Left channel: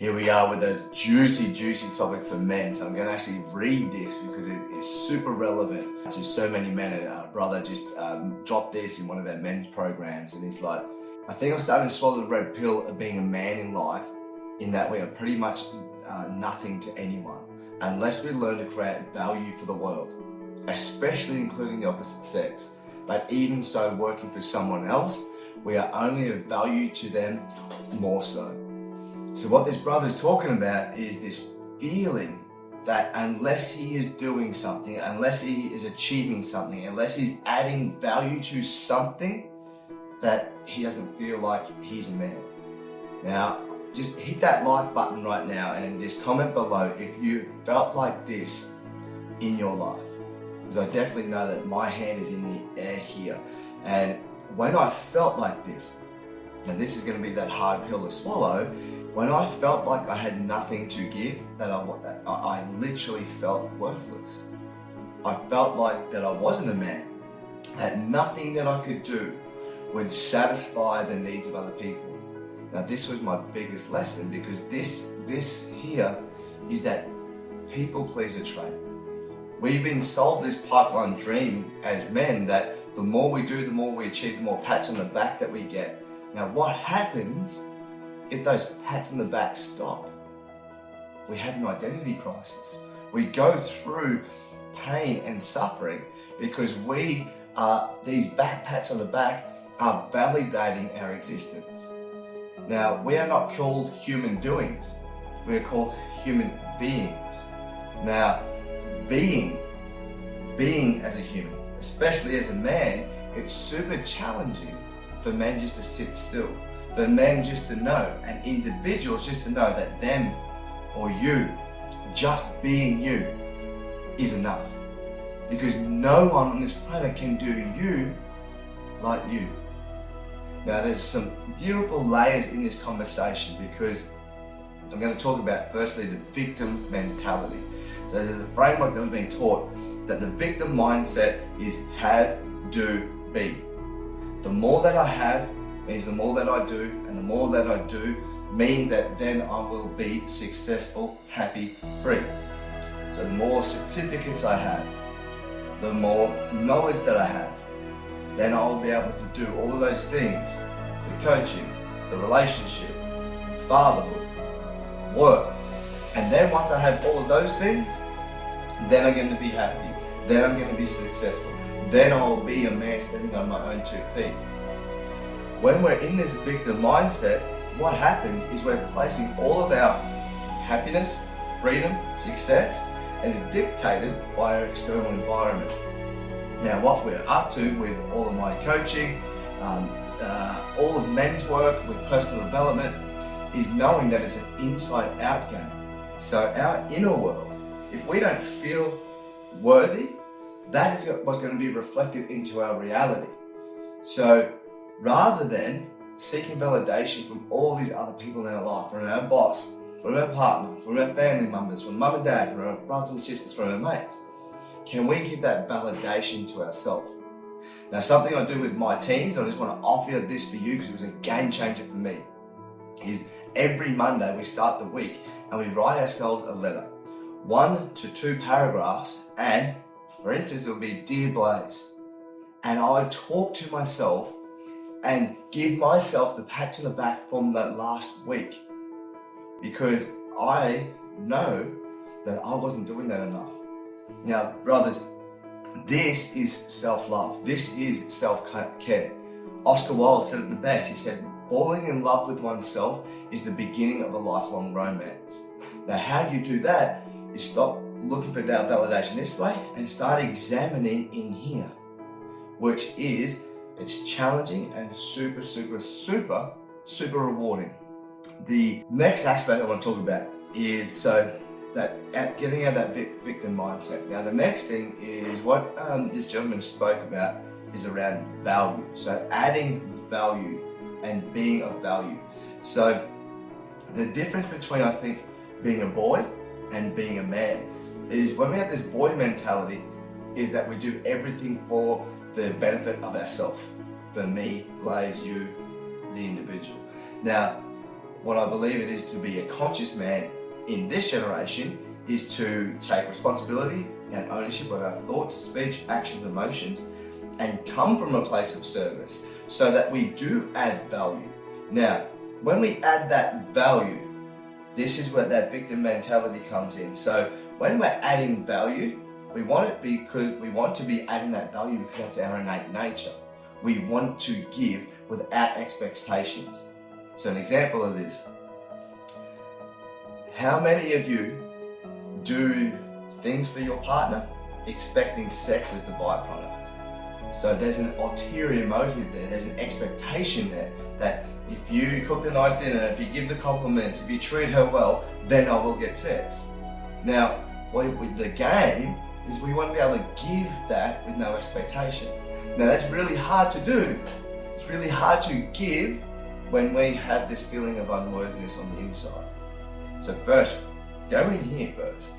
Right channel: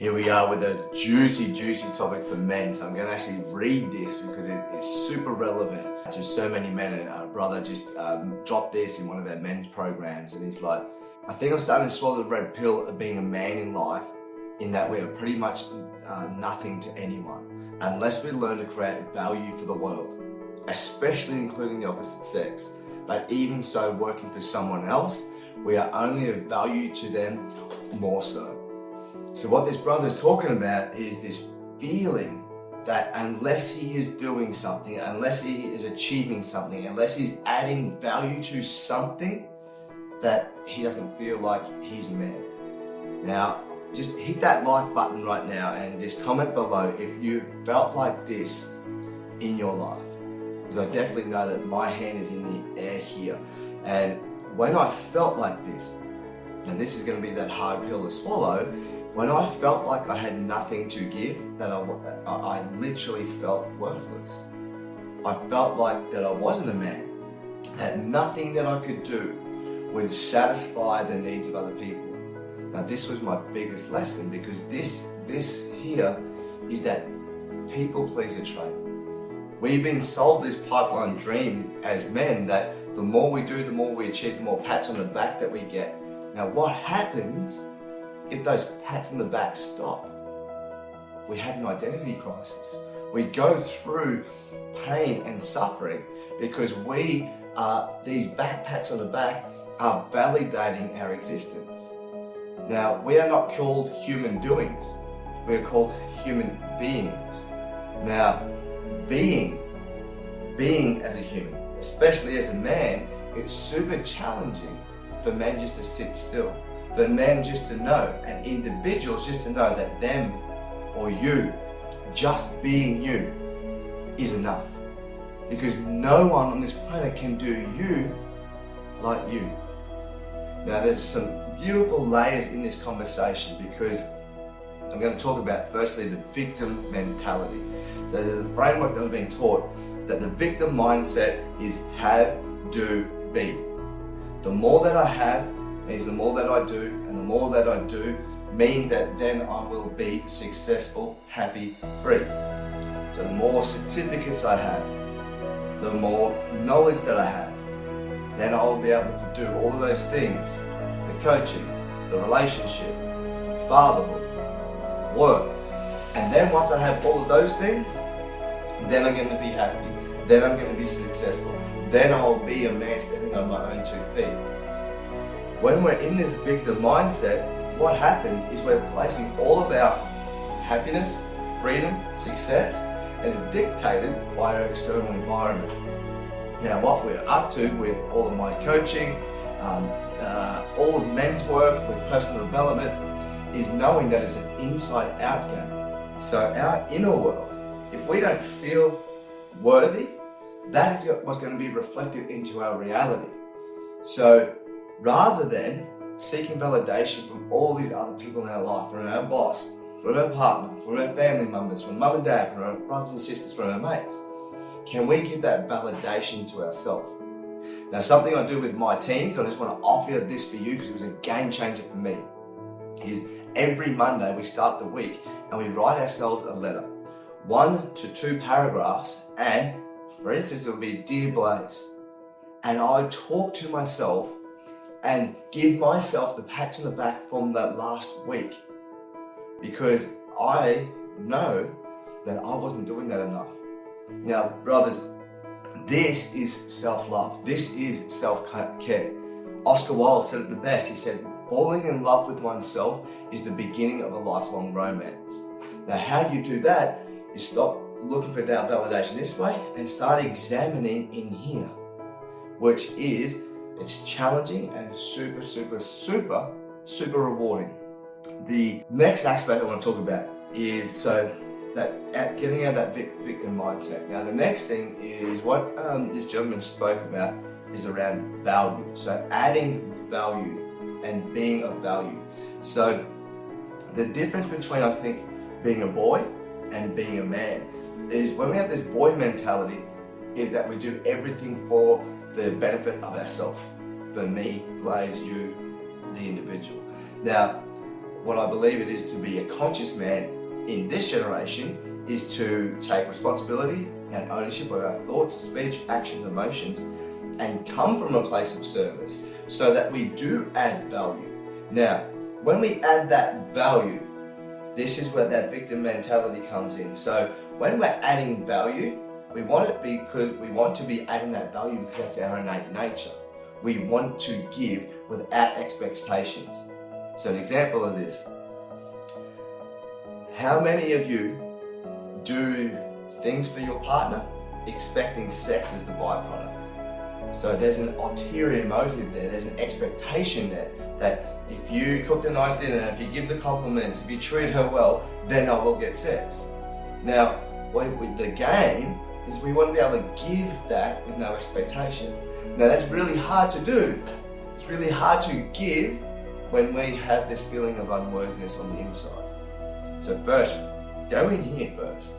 Here we are with a juicy topic for men. So I'm going to actually read this because it is super relevant to so many men. And our brother just dropped this in one of our men's programs, and he's like, I think I'm starting to swallow the red pill of being a man in life, in that we are pretty much nothing to anyone unless we learn to create value for the world, especially including the opposite sex. But even so, working for someone else, we are only of value to them more so. So what this brother's talking about is this feeling that unless he is doing something, unless he is achieving something, unless he's adding value to something, that he doesn't feel like he's a man. Now, just hit that like button right now and just comment below if you felt like this in your life. Because I definitely know that my hand is in the air here. And when I felt like this, and this is going to be that hard pill to swallow, when I felt like I had nothing to give, that I literally felt worthless. I felt like that I wasn't a man, that nothing that I could do would satisfy the needs of other people. Now this was my biggest lesson, because this here is that people pleaser trait. We've been sold this pipeline dream as men that the more we do, the more we achieve, the more pats on the back that we get. Now what happens if those pats on the back stop? We have an identity crisis. We go through pain and suffering because these back pats on the back are validating our existence. Now, we are not called human doings. We are called human beings. Now, being as a human, especially as a man, it's super challenging for men just to sit still. For men just to know, and individuals just to know that them or you, just being you, is enough. Because no one on this planet can do you like you. Now there's some beautiful layers in this conversation, because I'm going to talk about firstly the victim mentality. So there's a framework that I've been taught that the victim mindset is have, do, be. The more that I have means the more that I do, and the more that I do means that then I will be successful, happy, free. So the more certificates I have, the more knowledge that I have, then I'll be able to do all of those things: the coaching, the relationship, fatherhood, work. And then once I have all of those things, then I'm going to be happy, then I'm going to be successful, then I'll be a man standing on my own 2 feet. When we're in this victim mindset, what happens is we're placing all of our happiness, freedom, success, is dictated by our external environment. Now, what we're up to with all of my coaching, all of men's work with personal development, is knowing that it's an inside-out game. So our inner world, if we don't feel worthy, that is what's going to be reflected into our reality. So rather than seeking validation from all these other people in our life, from our boss, from our partner, from our family members, from mum and dad, from our brothers and sisters, from our mates, can we give that validation to ourselves? Now, something I do with my teams, I just want to offer this for you because it was a game changer for me, is every Monday we start the week and we write ourselves a letter, 1 to 2 paragraphs, and for instance, it will be Dear Blase. And I talk to myself and give myself the pat on the back from that last week, because I know that I wasn't doing that enough. Now, brothers, this is self-love. This is self-care. Oscar Wilde said it the best. He said, falling in love with oneself is the beginning of a lifelong romance. Now, how you do that is stop looking for validation this way and start examining in here, which is, it's challenging and super rewarding. The next aspect I want to talk about is getting out of that victim mindset. Now the next thing is what this gentleman spoke about is around value. So adding value and being of value. So the difference between, I think, being a boy and being a man is when we have this boy mentality, is that we do everything for the benefit of ourselves. For me, Blase, you, the individual. Now, what I believe it is to be a conscious man in this generation is to take responsibility and ownership of our thoughts, speech, actions, emotions, and come from a place of service so that we do add value. Now, when we add that value, this is where that victim mentality comes in. So when we're adding value, we want to be adding that value because that's our innate nature. We want to give without expectations. So an example of this, how many of you do things for your partner expecting sex as the byproduct? So there's an ulterior motive there, there's an expectation there that if you cook a nice dinner, if you give the compliments, if you treat her well, then I will get sex. Now, the game is we want to be able to give that with no expectation. Now that's really hard to do. It's really hard to give when we have this feeling of unworthiness on the inside. So first, go in here first.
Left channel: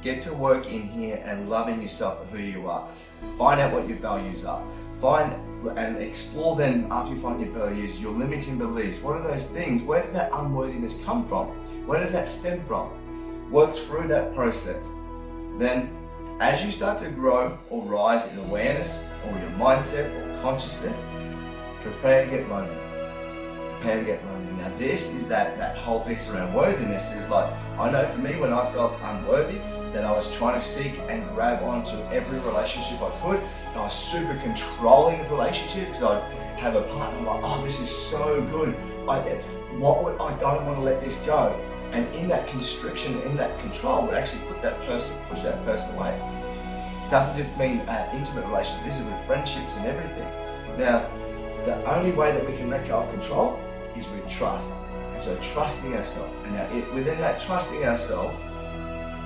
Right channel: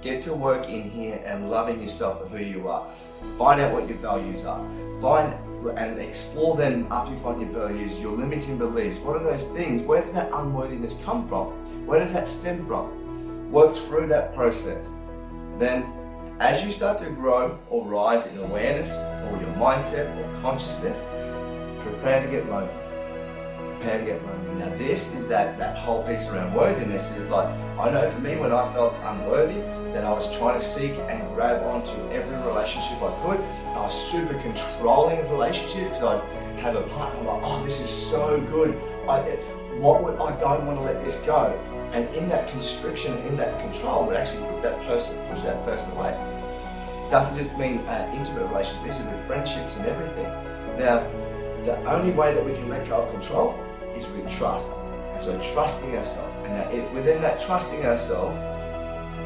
Get to work in here and loving yourself for who you are. Find out what your values are. Find and explore them after you find your values, your limiting beliefs. What are those things? Where does that unworthiness come from? Where does that stem from? Work through that process. Then, as you start to grow or rise in awareness or your mindset or consciousness, prepare to get lonely. Prepare to get lonely. Now this is that whole piece around worthiness is like, I know for me when I felt unworthy, that I was trying to seek and grab onto every relationship I could. I was super controlling of relationships because I'd have a partner like, oh, this is so good. I don't want to let this go. And in that constriction, in that control, would actually push that person away. It doesn't just mean intimate relationships, this is with friendships and everything. Now, the only way that we can let go of control is with trust. And so trusting ourselves. And now within that trusting ourselves,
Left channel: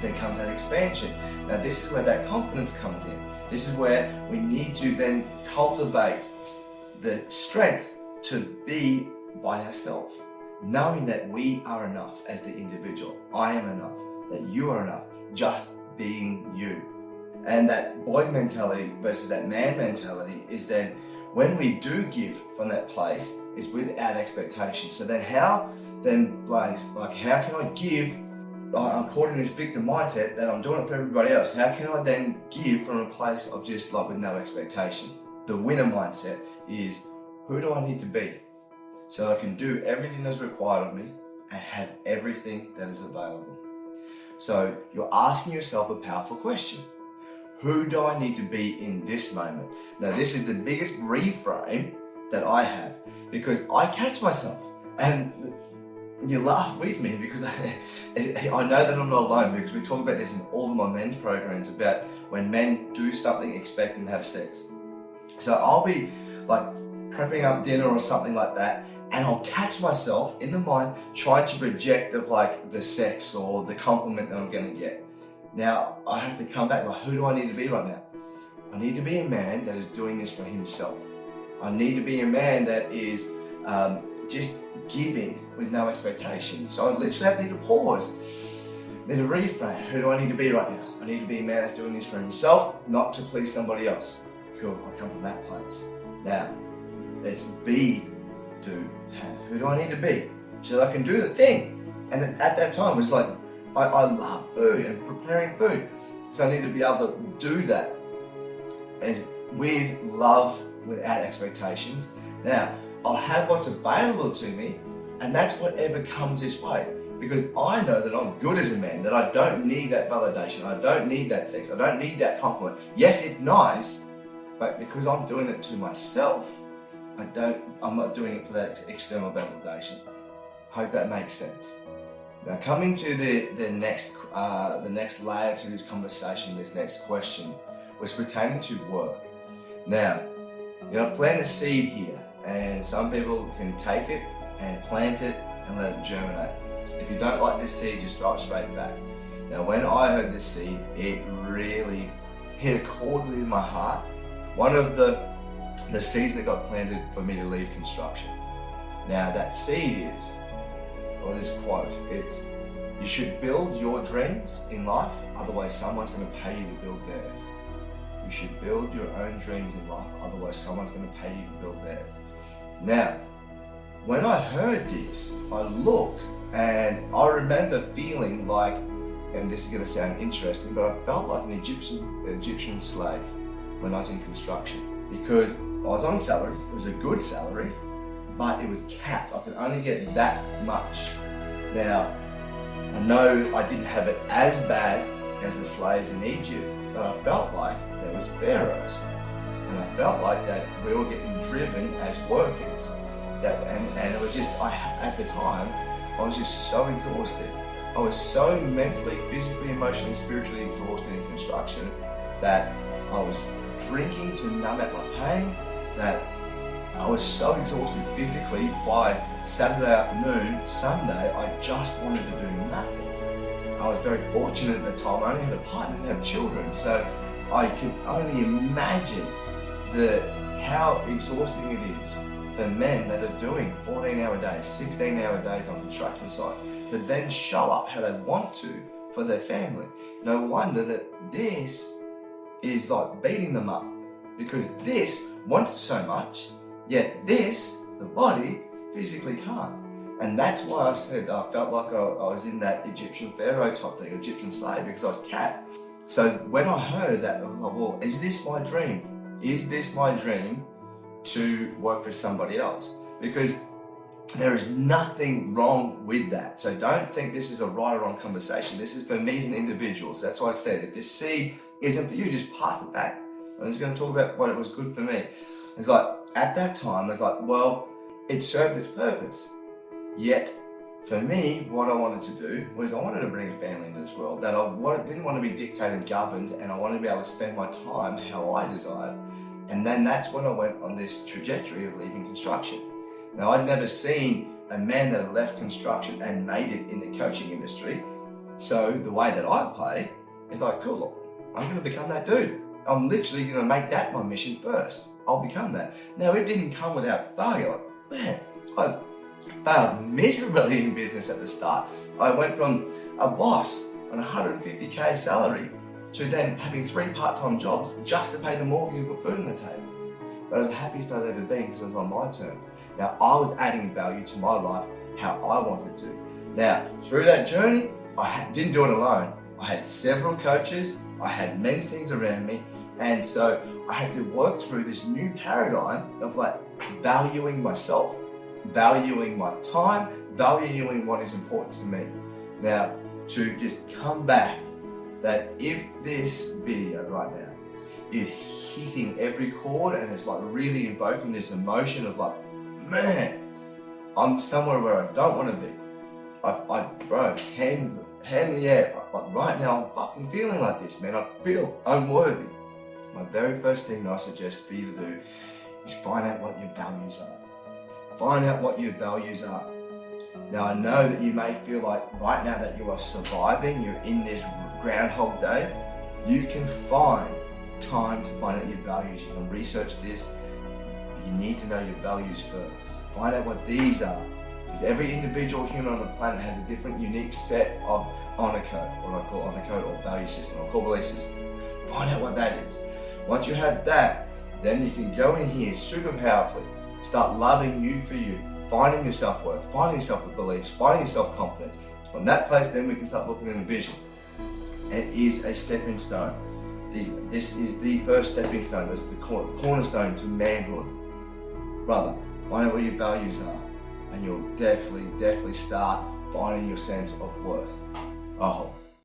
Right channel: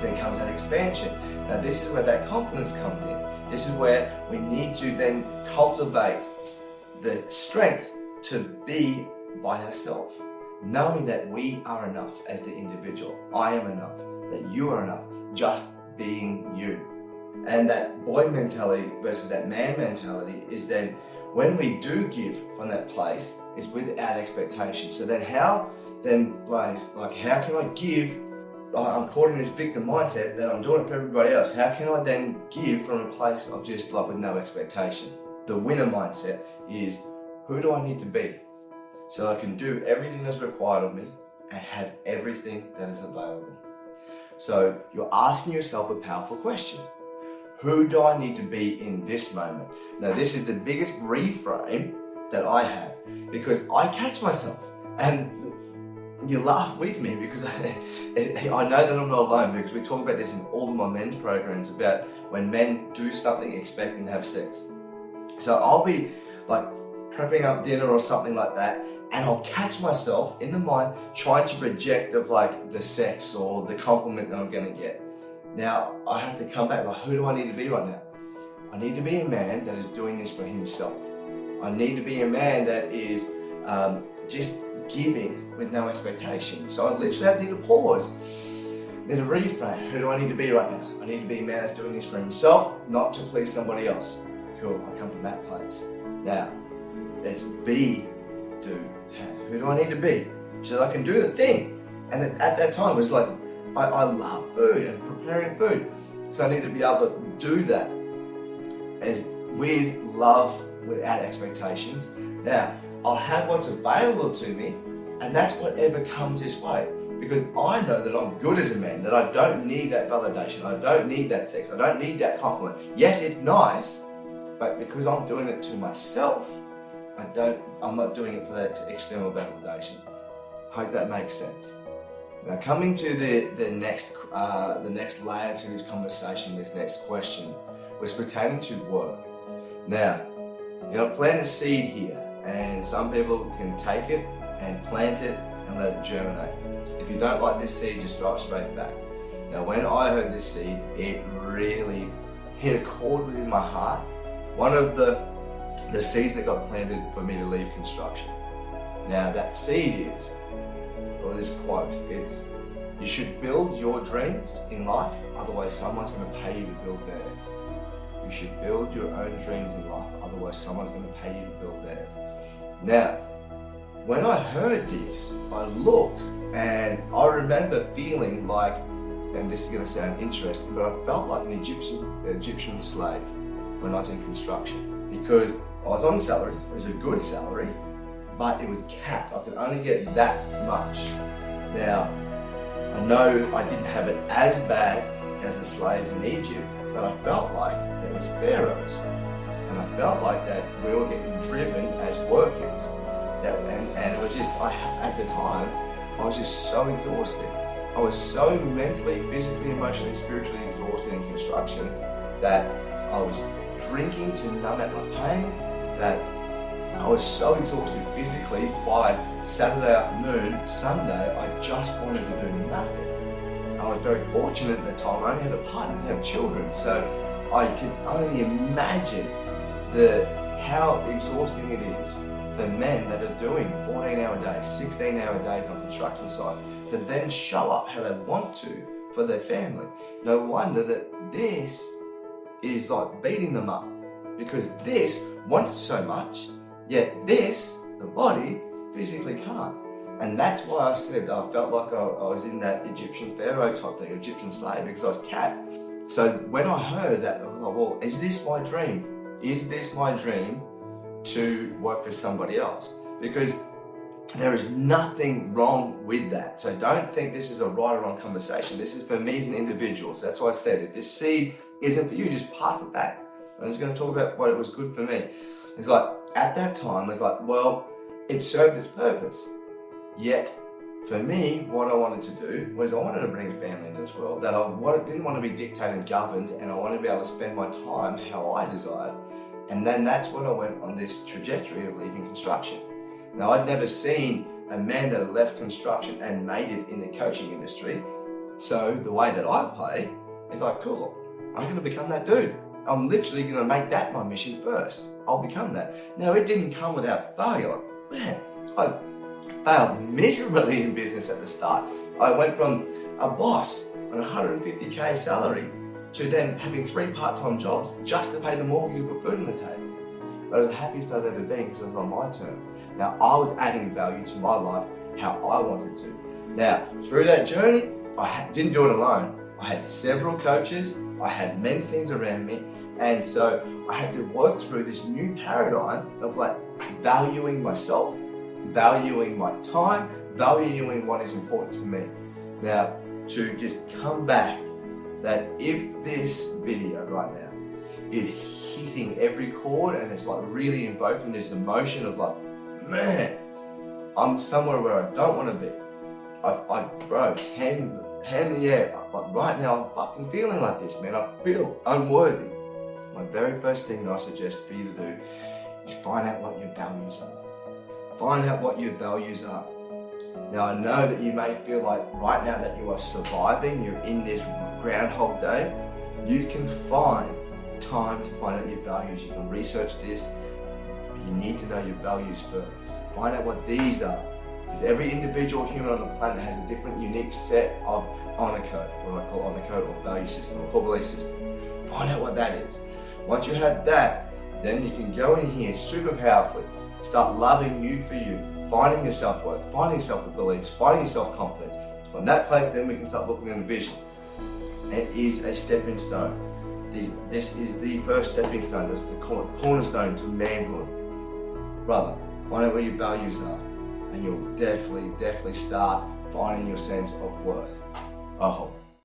there comes that expansion. Now this is where that confidence comes in. This is where we need to then cultivate the strength to be by ourselves. Knowing that we are enough as the individual. I am enough. That you are enough. Just being you. And that boy mentality versus that man mentality is then when we do give from that place, is without expectation. So then Blase, how can I give? I'm caught in this victim mindset that I'm doing it for everybody else. How can I then give from a place of just like with no expectation? The winner mindset is, who do I need to be? So I can do everything that's required of me and have everything that is available. So you're asking yourself a powerful question. Who do I need to be in this moment? Now this is the biggest reframe that I have because I catch myself and you laugh with me because I know that I'm not alone because we talk about this in all of my men's programs about when men do something expecting to have sex. So I'll be like prepping up dinner or something like that and I'll catch myself in the mind trying to project of like the sex or the compliment that I'm going to get. Now I have to come back like, who do I need to be right now? I need to be a man that is doing this for himself. I need to be a man that is just giving with no expectation. So I literally need to pause. Need to reframe. Who do I need to be right now? I need to be a man that's doing this for himself, not to please somebody else. Cool, I come from that place. Now, let's be, do, have. Who do I need to be? So that I can do the thing. And at that time, it was like, I love food and preparing food. So I need to be able to do that as with love, without expectations. Now, I'll have what's available to me, and that's whatever comes this way. Because I know that I'm good as a man, that I don't need that validation, I don't need that sex, I don't need that compliment. Yes, it's nice, but because I'm doing it to myself, I'm not doing it for that external validation. Hope that makes sense. Now, coming to the next layer to this conversation, this next question, was pertaining to work. Now, plant a seed here, and some people can take it and plant it and let it germinate. If you don't like this seed, just throw it straight back. Now, when I heard this seed, it really hit a chord within my heart. One of the seeds that got planted for me to leave construction. Now, that seed is, or this quote, it's, you should build your dreams in life, otherwise someone's going to pay you to build theirs. You should build your own dreams in life, otherwise someone's going to pay you to build theirs. Now, when I heard this, I looked and I remember feeling like, and this is going to sound interesting, but I felt like an Egyptian slave when I was in construction, because I was on salary. It was a good salary, but it was capped. I could only get that much. Now, I know I didn't have it as bad as the slaves in Egypt, but I felt like there was pharaohs, and I felt like that we were getting driven as workers. And it was just, at the time, I was just so exhausted. I was so mentally, physically, emotionally, spiritually exhausted in construction that I was drinking to numb out my pain, that I was so exhausted physically by Saturday afternoon, Sunday, I just wanted to do nothing. I was very fortunate at the time. I only had a partner, I didn't have children, so I could only imagine how exhausting it is for men that are doing 14-hour days, 16-hour days on construction sites to then show up how they want to for their family. No wonder that this is like beating them up, because this wants so much, yet this, the body, physically can't. And that's why I said I felt like I was in that Egyptian pharaoh type thing, Egyptian slave, because I was capped. So when I heard that, I was like, well, is this my dream? Is this my dream to work for somebody else? Because there is nothing wrong with that. So don't think this is a right or wrong conversation. This is for me as an individual. So that's why I said, if this seed isn't for you, just pass it back. I'm just going to talk about what it was good for me. It's like, at that time, I was like, well, it served its purpose. Yet, for me, what I wanted to do was I wanted to bring a family into this world, that I didn't want to be dictated and governed, and I wanted to be able to spend my time how I desired. And then that's when I went on this trajectory of leaving construction. Now, I'd never seen a man that had left construction and made it in the coaching industry. So the way that I play is like, cool, look, I'm going to become that dude. I'm literally going to make that my mission first. I'll become that. Now, it didn't come without failure. Like, man, I failed miserably in business at the start. I went from a boss on a $150K salary to then having 3 part-time jobs just to pay the mortgage and put food on the table. But it was the happiest I'd ever been because it was on my terms. Now, I was adding value to my life how I wanted to. Now, through that journey, I didn't do it alone. I had several coaches, I had men's teams around me, and so I had to work through this new paradigm of like valuing myself, valuing my time, valuing what is important to me. Now, to just come back, that if this video right now is hitting every chord and it's like really invoking this emotion of like, man, I'm somewhere where I don't want to be. Bro, hand in the air. Like right now, I'm fucking feeling like this, man. I feel unworthy. My very first thing I suggest for you to do is find out what your values are. Find out what your values are. Now, I know that you may feel like right now that you are surviving, you're in this Groundhog Day. You can find time to find out your values. You can research this. You need to know your values first. Find out what these are. Because every individual human on the planet has a different, unique set of honor code, what I call honor code or value system or core belief system. Find out what that is. Once you have that, then you can go in here super powerfully. Start loving you for you, finding your self-worth, finding your self-beliefs, finding your self-confidence. From that place, then we can start looking at a vision. It is a stepping stone. This is the first stepping stone. That's the cornerstone to manhood. Brother, find out what your values are, and you'll definitely start finding your sense of worth. I hope.